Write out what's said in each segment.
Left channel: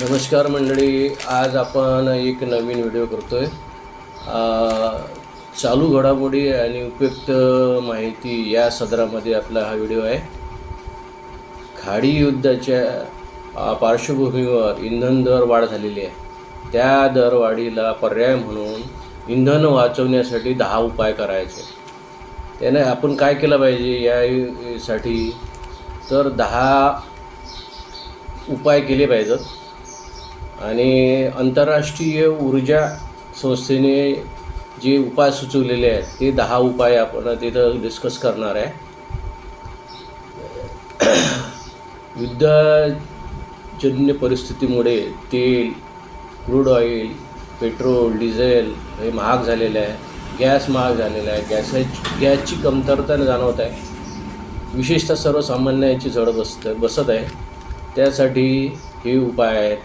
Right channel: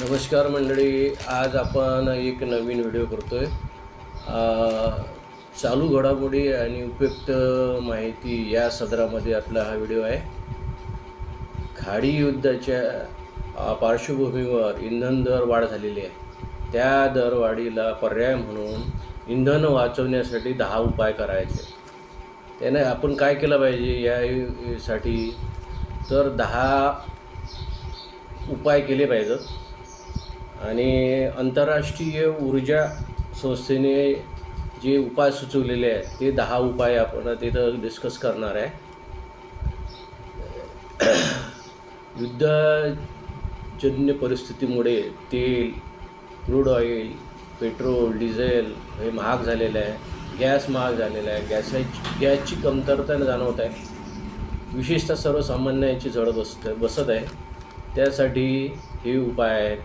नमस्कार मंडळी, आज आपण एक नवीन व्हिडिओ करतोय. चालू घडामोडी आणि उपयुक्त माहिती या सदरामध्ये आपला हा व्हिडिओ आहे. खाडी युद्धाच्या पार्श्वभूमीवर इंधन दर वाढ झालेली आहे. त्या दरवाढीला पर्याय म्हणून इंधन वाचवण्यासाठी 10 उपाय करायचे. त्याने आपण काय केलं पाहिजे यासाठी तर 10 उपाय केले पाहिजेत. आणि आंतरराष्ट्रीय ऊर्जा संस्थेने जे उपाय सुचवलेले आहेत ते 10 उपाय आपण तिथं डिस्कस करणार आहे. युद्धजन्य परिस्थितीमुळे तेल, क्रूड ऑइल, पेट्रोल, डिझेल हे महाग झालेलं आहे. गॅस महाग झालेला आहे. गॅसची कमतरता जाणवत आहे. विशेषतः सर्वसामान्यांची झळ बसत आहे. त्यासाठी हे उपाय आहेत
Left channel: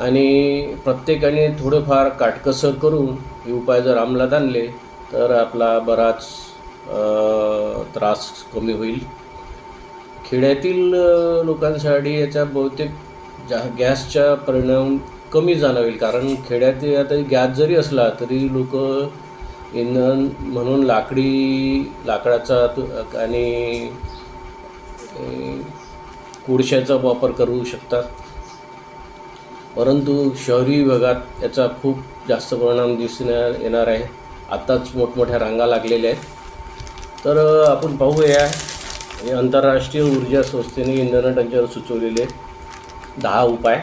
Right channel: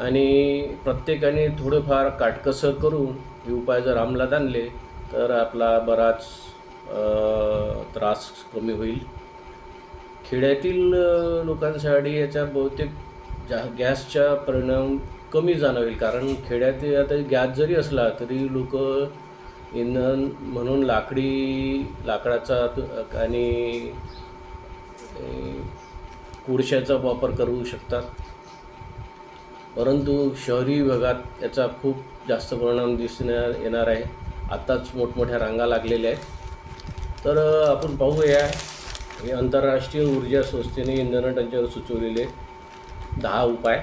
आणि प्रत्येकाने थोडंफार काटकसर करून हे उपाय जर अंमलात आणले तर आपला बराच त्रास कमी होईल. खेड्यातील लोकांसाठी याचा बहुतेक गॅसचा परिणाम कमी जाणवेल, कारण खेड्यात आता गॅस जरी असला तरी लोक इंधन म्हणून लाकडाचा आणि कोळशाचा वापर करू शकतात. परंतु शहरी भागात याचा खूप जास्त परिणाम दिसून येणार आहे. आत्ताच मोठमोठ्या रांगा लागलेल्या आहेत. तर आपण पाहूया आंतरराष्ट्रीय ऊर्जा संस्थेने इंधन टंचाईवर सुचवलेले 10 उपाय.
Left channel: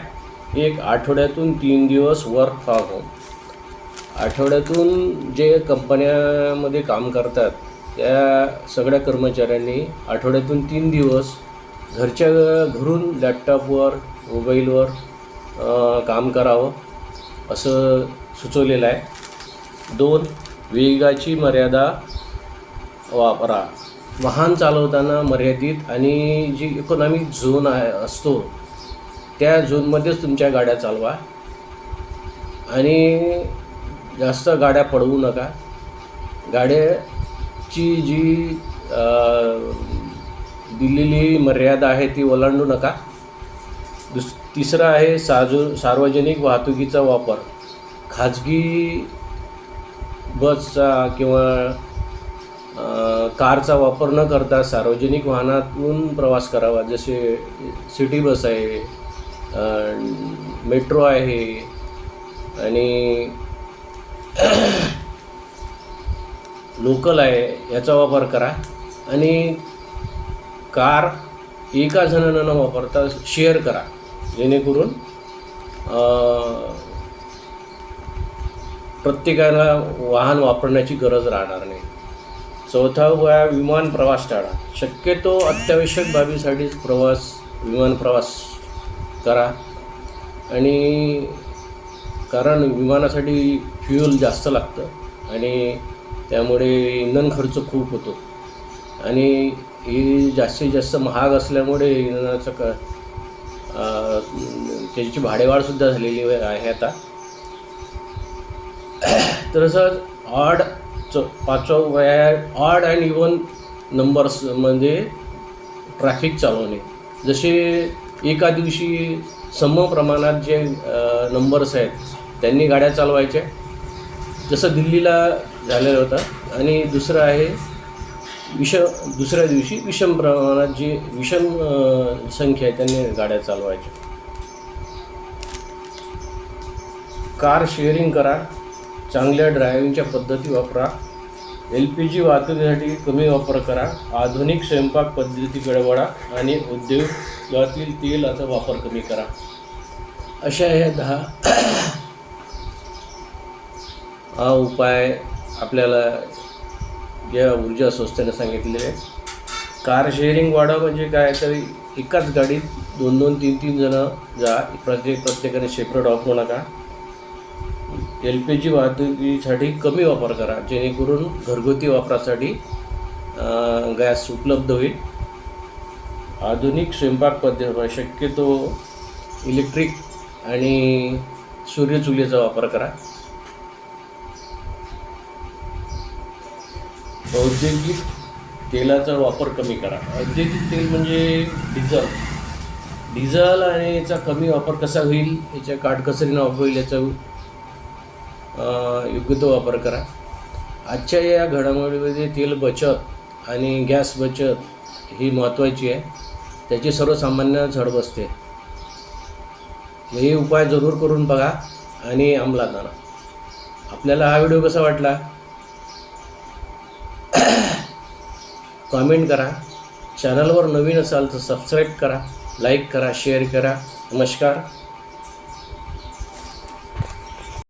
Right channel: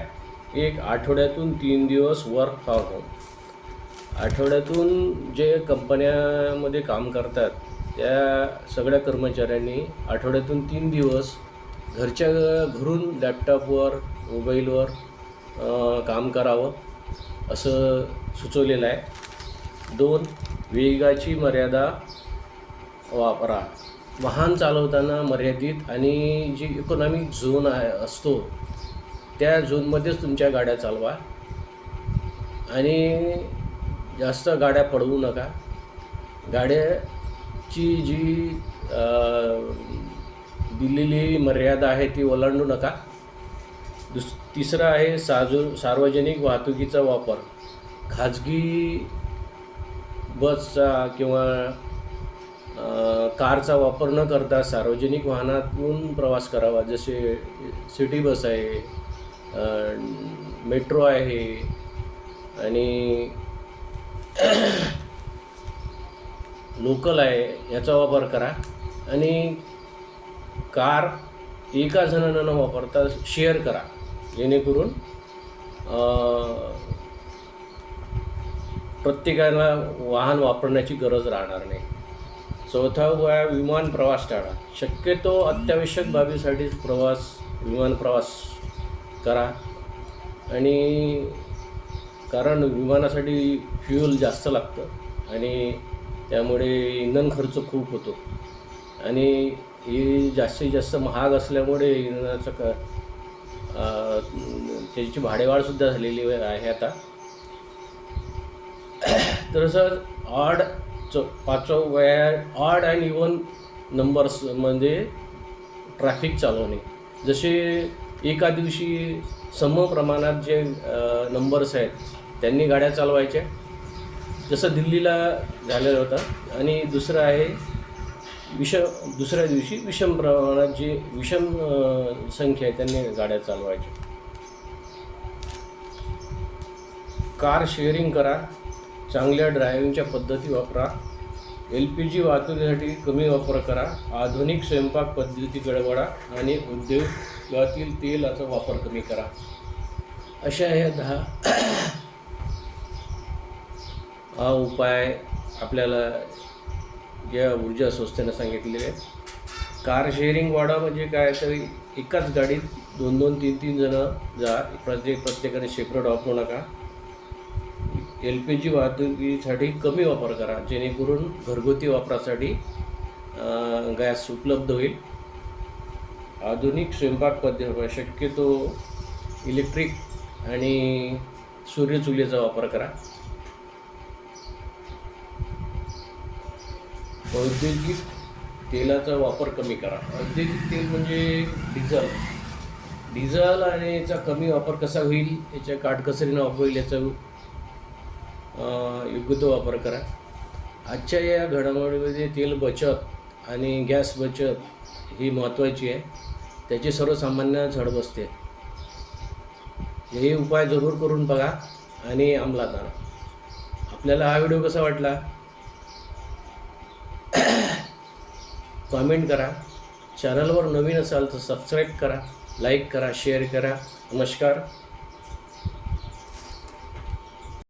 1. आठवड्यातून 3 दिवस वर्क फ्रॉम होम. आठवड्यातून जे कंपन्यामध्ये काम करतात त्या सगळ्या कर्मचाऱ्यांनी आठवड्यातून 3 दिवस घरून लॅपटॉपवर, मोबाईलवर काम करावं असं सुचवलेलं आहे. 2. वेगाची मर्यादा वापरा. वाहन चालवताना मर्यादित आणि जी इकॉनॉमिक झोन असतो त्या झोनमध्येच तुमच्या गाड्या चालवा आणि जास्त गाड्या पळवू नका. गाड्याची जी दिलेली मर्यादा आहे ती ओलांडू नका. तिसरा आहे सार्वजनिक वाहतुकीचा वापर. खाजगी बसचा किंवा कारचा वापर न करता सार्वजनिक वाहनातून प्रवास करावा. जसे सिटी बस आहे, मेट्रो आहे आणि लोकल आहे, याचा वापर करा. आणि कार एका जणांना न वापरता शेअर करा, जेणेकरून प्रत्येकाला वाहन वापरण्याची गरज राहणार नाही. 4. विमान प्रवास टाळा. शक्यतो अत्यावश्यक बाबीसाठीच विमान प्रवास करा. आणि कारण विमानासाठी फ्युल जास्त लागतं आणि त्यामुळे इंधन खर्च खूप होतो आणि ही जास्तीत जास्त महाग असल्यामुळे इंधनाचं त्याची भाडेवाढसुद्धा झालेली आहे आता. तर असं 5वा उपाय आहे ऑड आणि इव्हन नंबर्स म्हणजे ट्रॅफिक चालवणे. जसे एका दिवशी सम प्रमाणात जे नंबर्स आहेत त्यांनी गाड्या चालवायच्या, जसं दिल्लीला झालेलं होतं. आणि दुसरं आहे दुसऱ्या दिवशी विषम प्रमाणात विषम संख्या आहे त्यांनी गाड्या चालवायच्या. कार शेअरिंग करा. चांगल्या ड्रायव्हिंगच्या पद्धती वापरा. LPG वाहतुकीसाठी कमी वापर करा. आधुनिक स्वयंपाक पद्धतीकडे वळा आणि उद्योगातील तेलाचा वापर कमी करा. अशा ह्या 10 उपाय आपल्याला या ऊर्जा संस्थेने सांगितलेले. कार शेअरिंग वाढा म्हणजे काय, तर एकाच गाडीत 2-2, 3-3 जणं जा. प्रत्येकाने सेपरेट वापरू नका. LPG वाहतुकीसाठी कमी वापर करा, जेणेकरून घरगुती वापरासाठी गॅस उपलब्ध होईल. आधुनिक स्वयंपाक पद्धती शक्यतो इलेक्ट्रिक आणि सूर्यचुलीचा वापर करा. औद्योगिक तेलाचा वापर कमी करा. औद्योगिक तेल म्हणजे डिझेल आणि याचा कमी वापर कसा होईल, याच्या काटकसरीनं वापर होईल, याचा योग्य तो वापर करा. आजच्या या घडामोडीमध्ये तेल बचत आणि गॅस बचत ही महत्त्वाची आहे. त्याची सर्वसामान्य झड बसते. हे उपाय जरूर करून बघा आणि अंमलात आणा. आपल्याला हा व्हिडिओ कसा वाटला कॉमेंट करा. चॅनलवर नवीन असाल तर सबस्क्राईब करा, लाईक करा, शेअर करा. नमस्कार.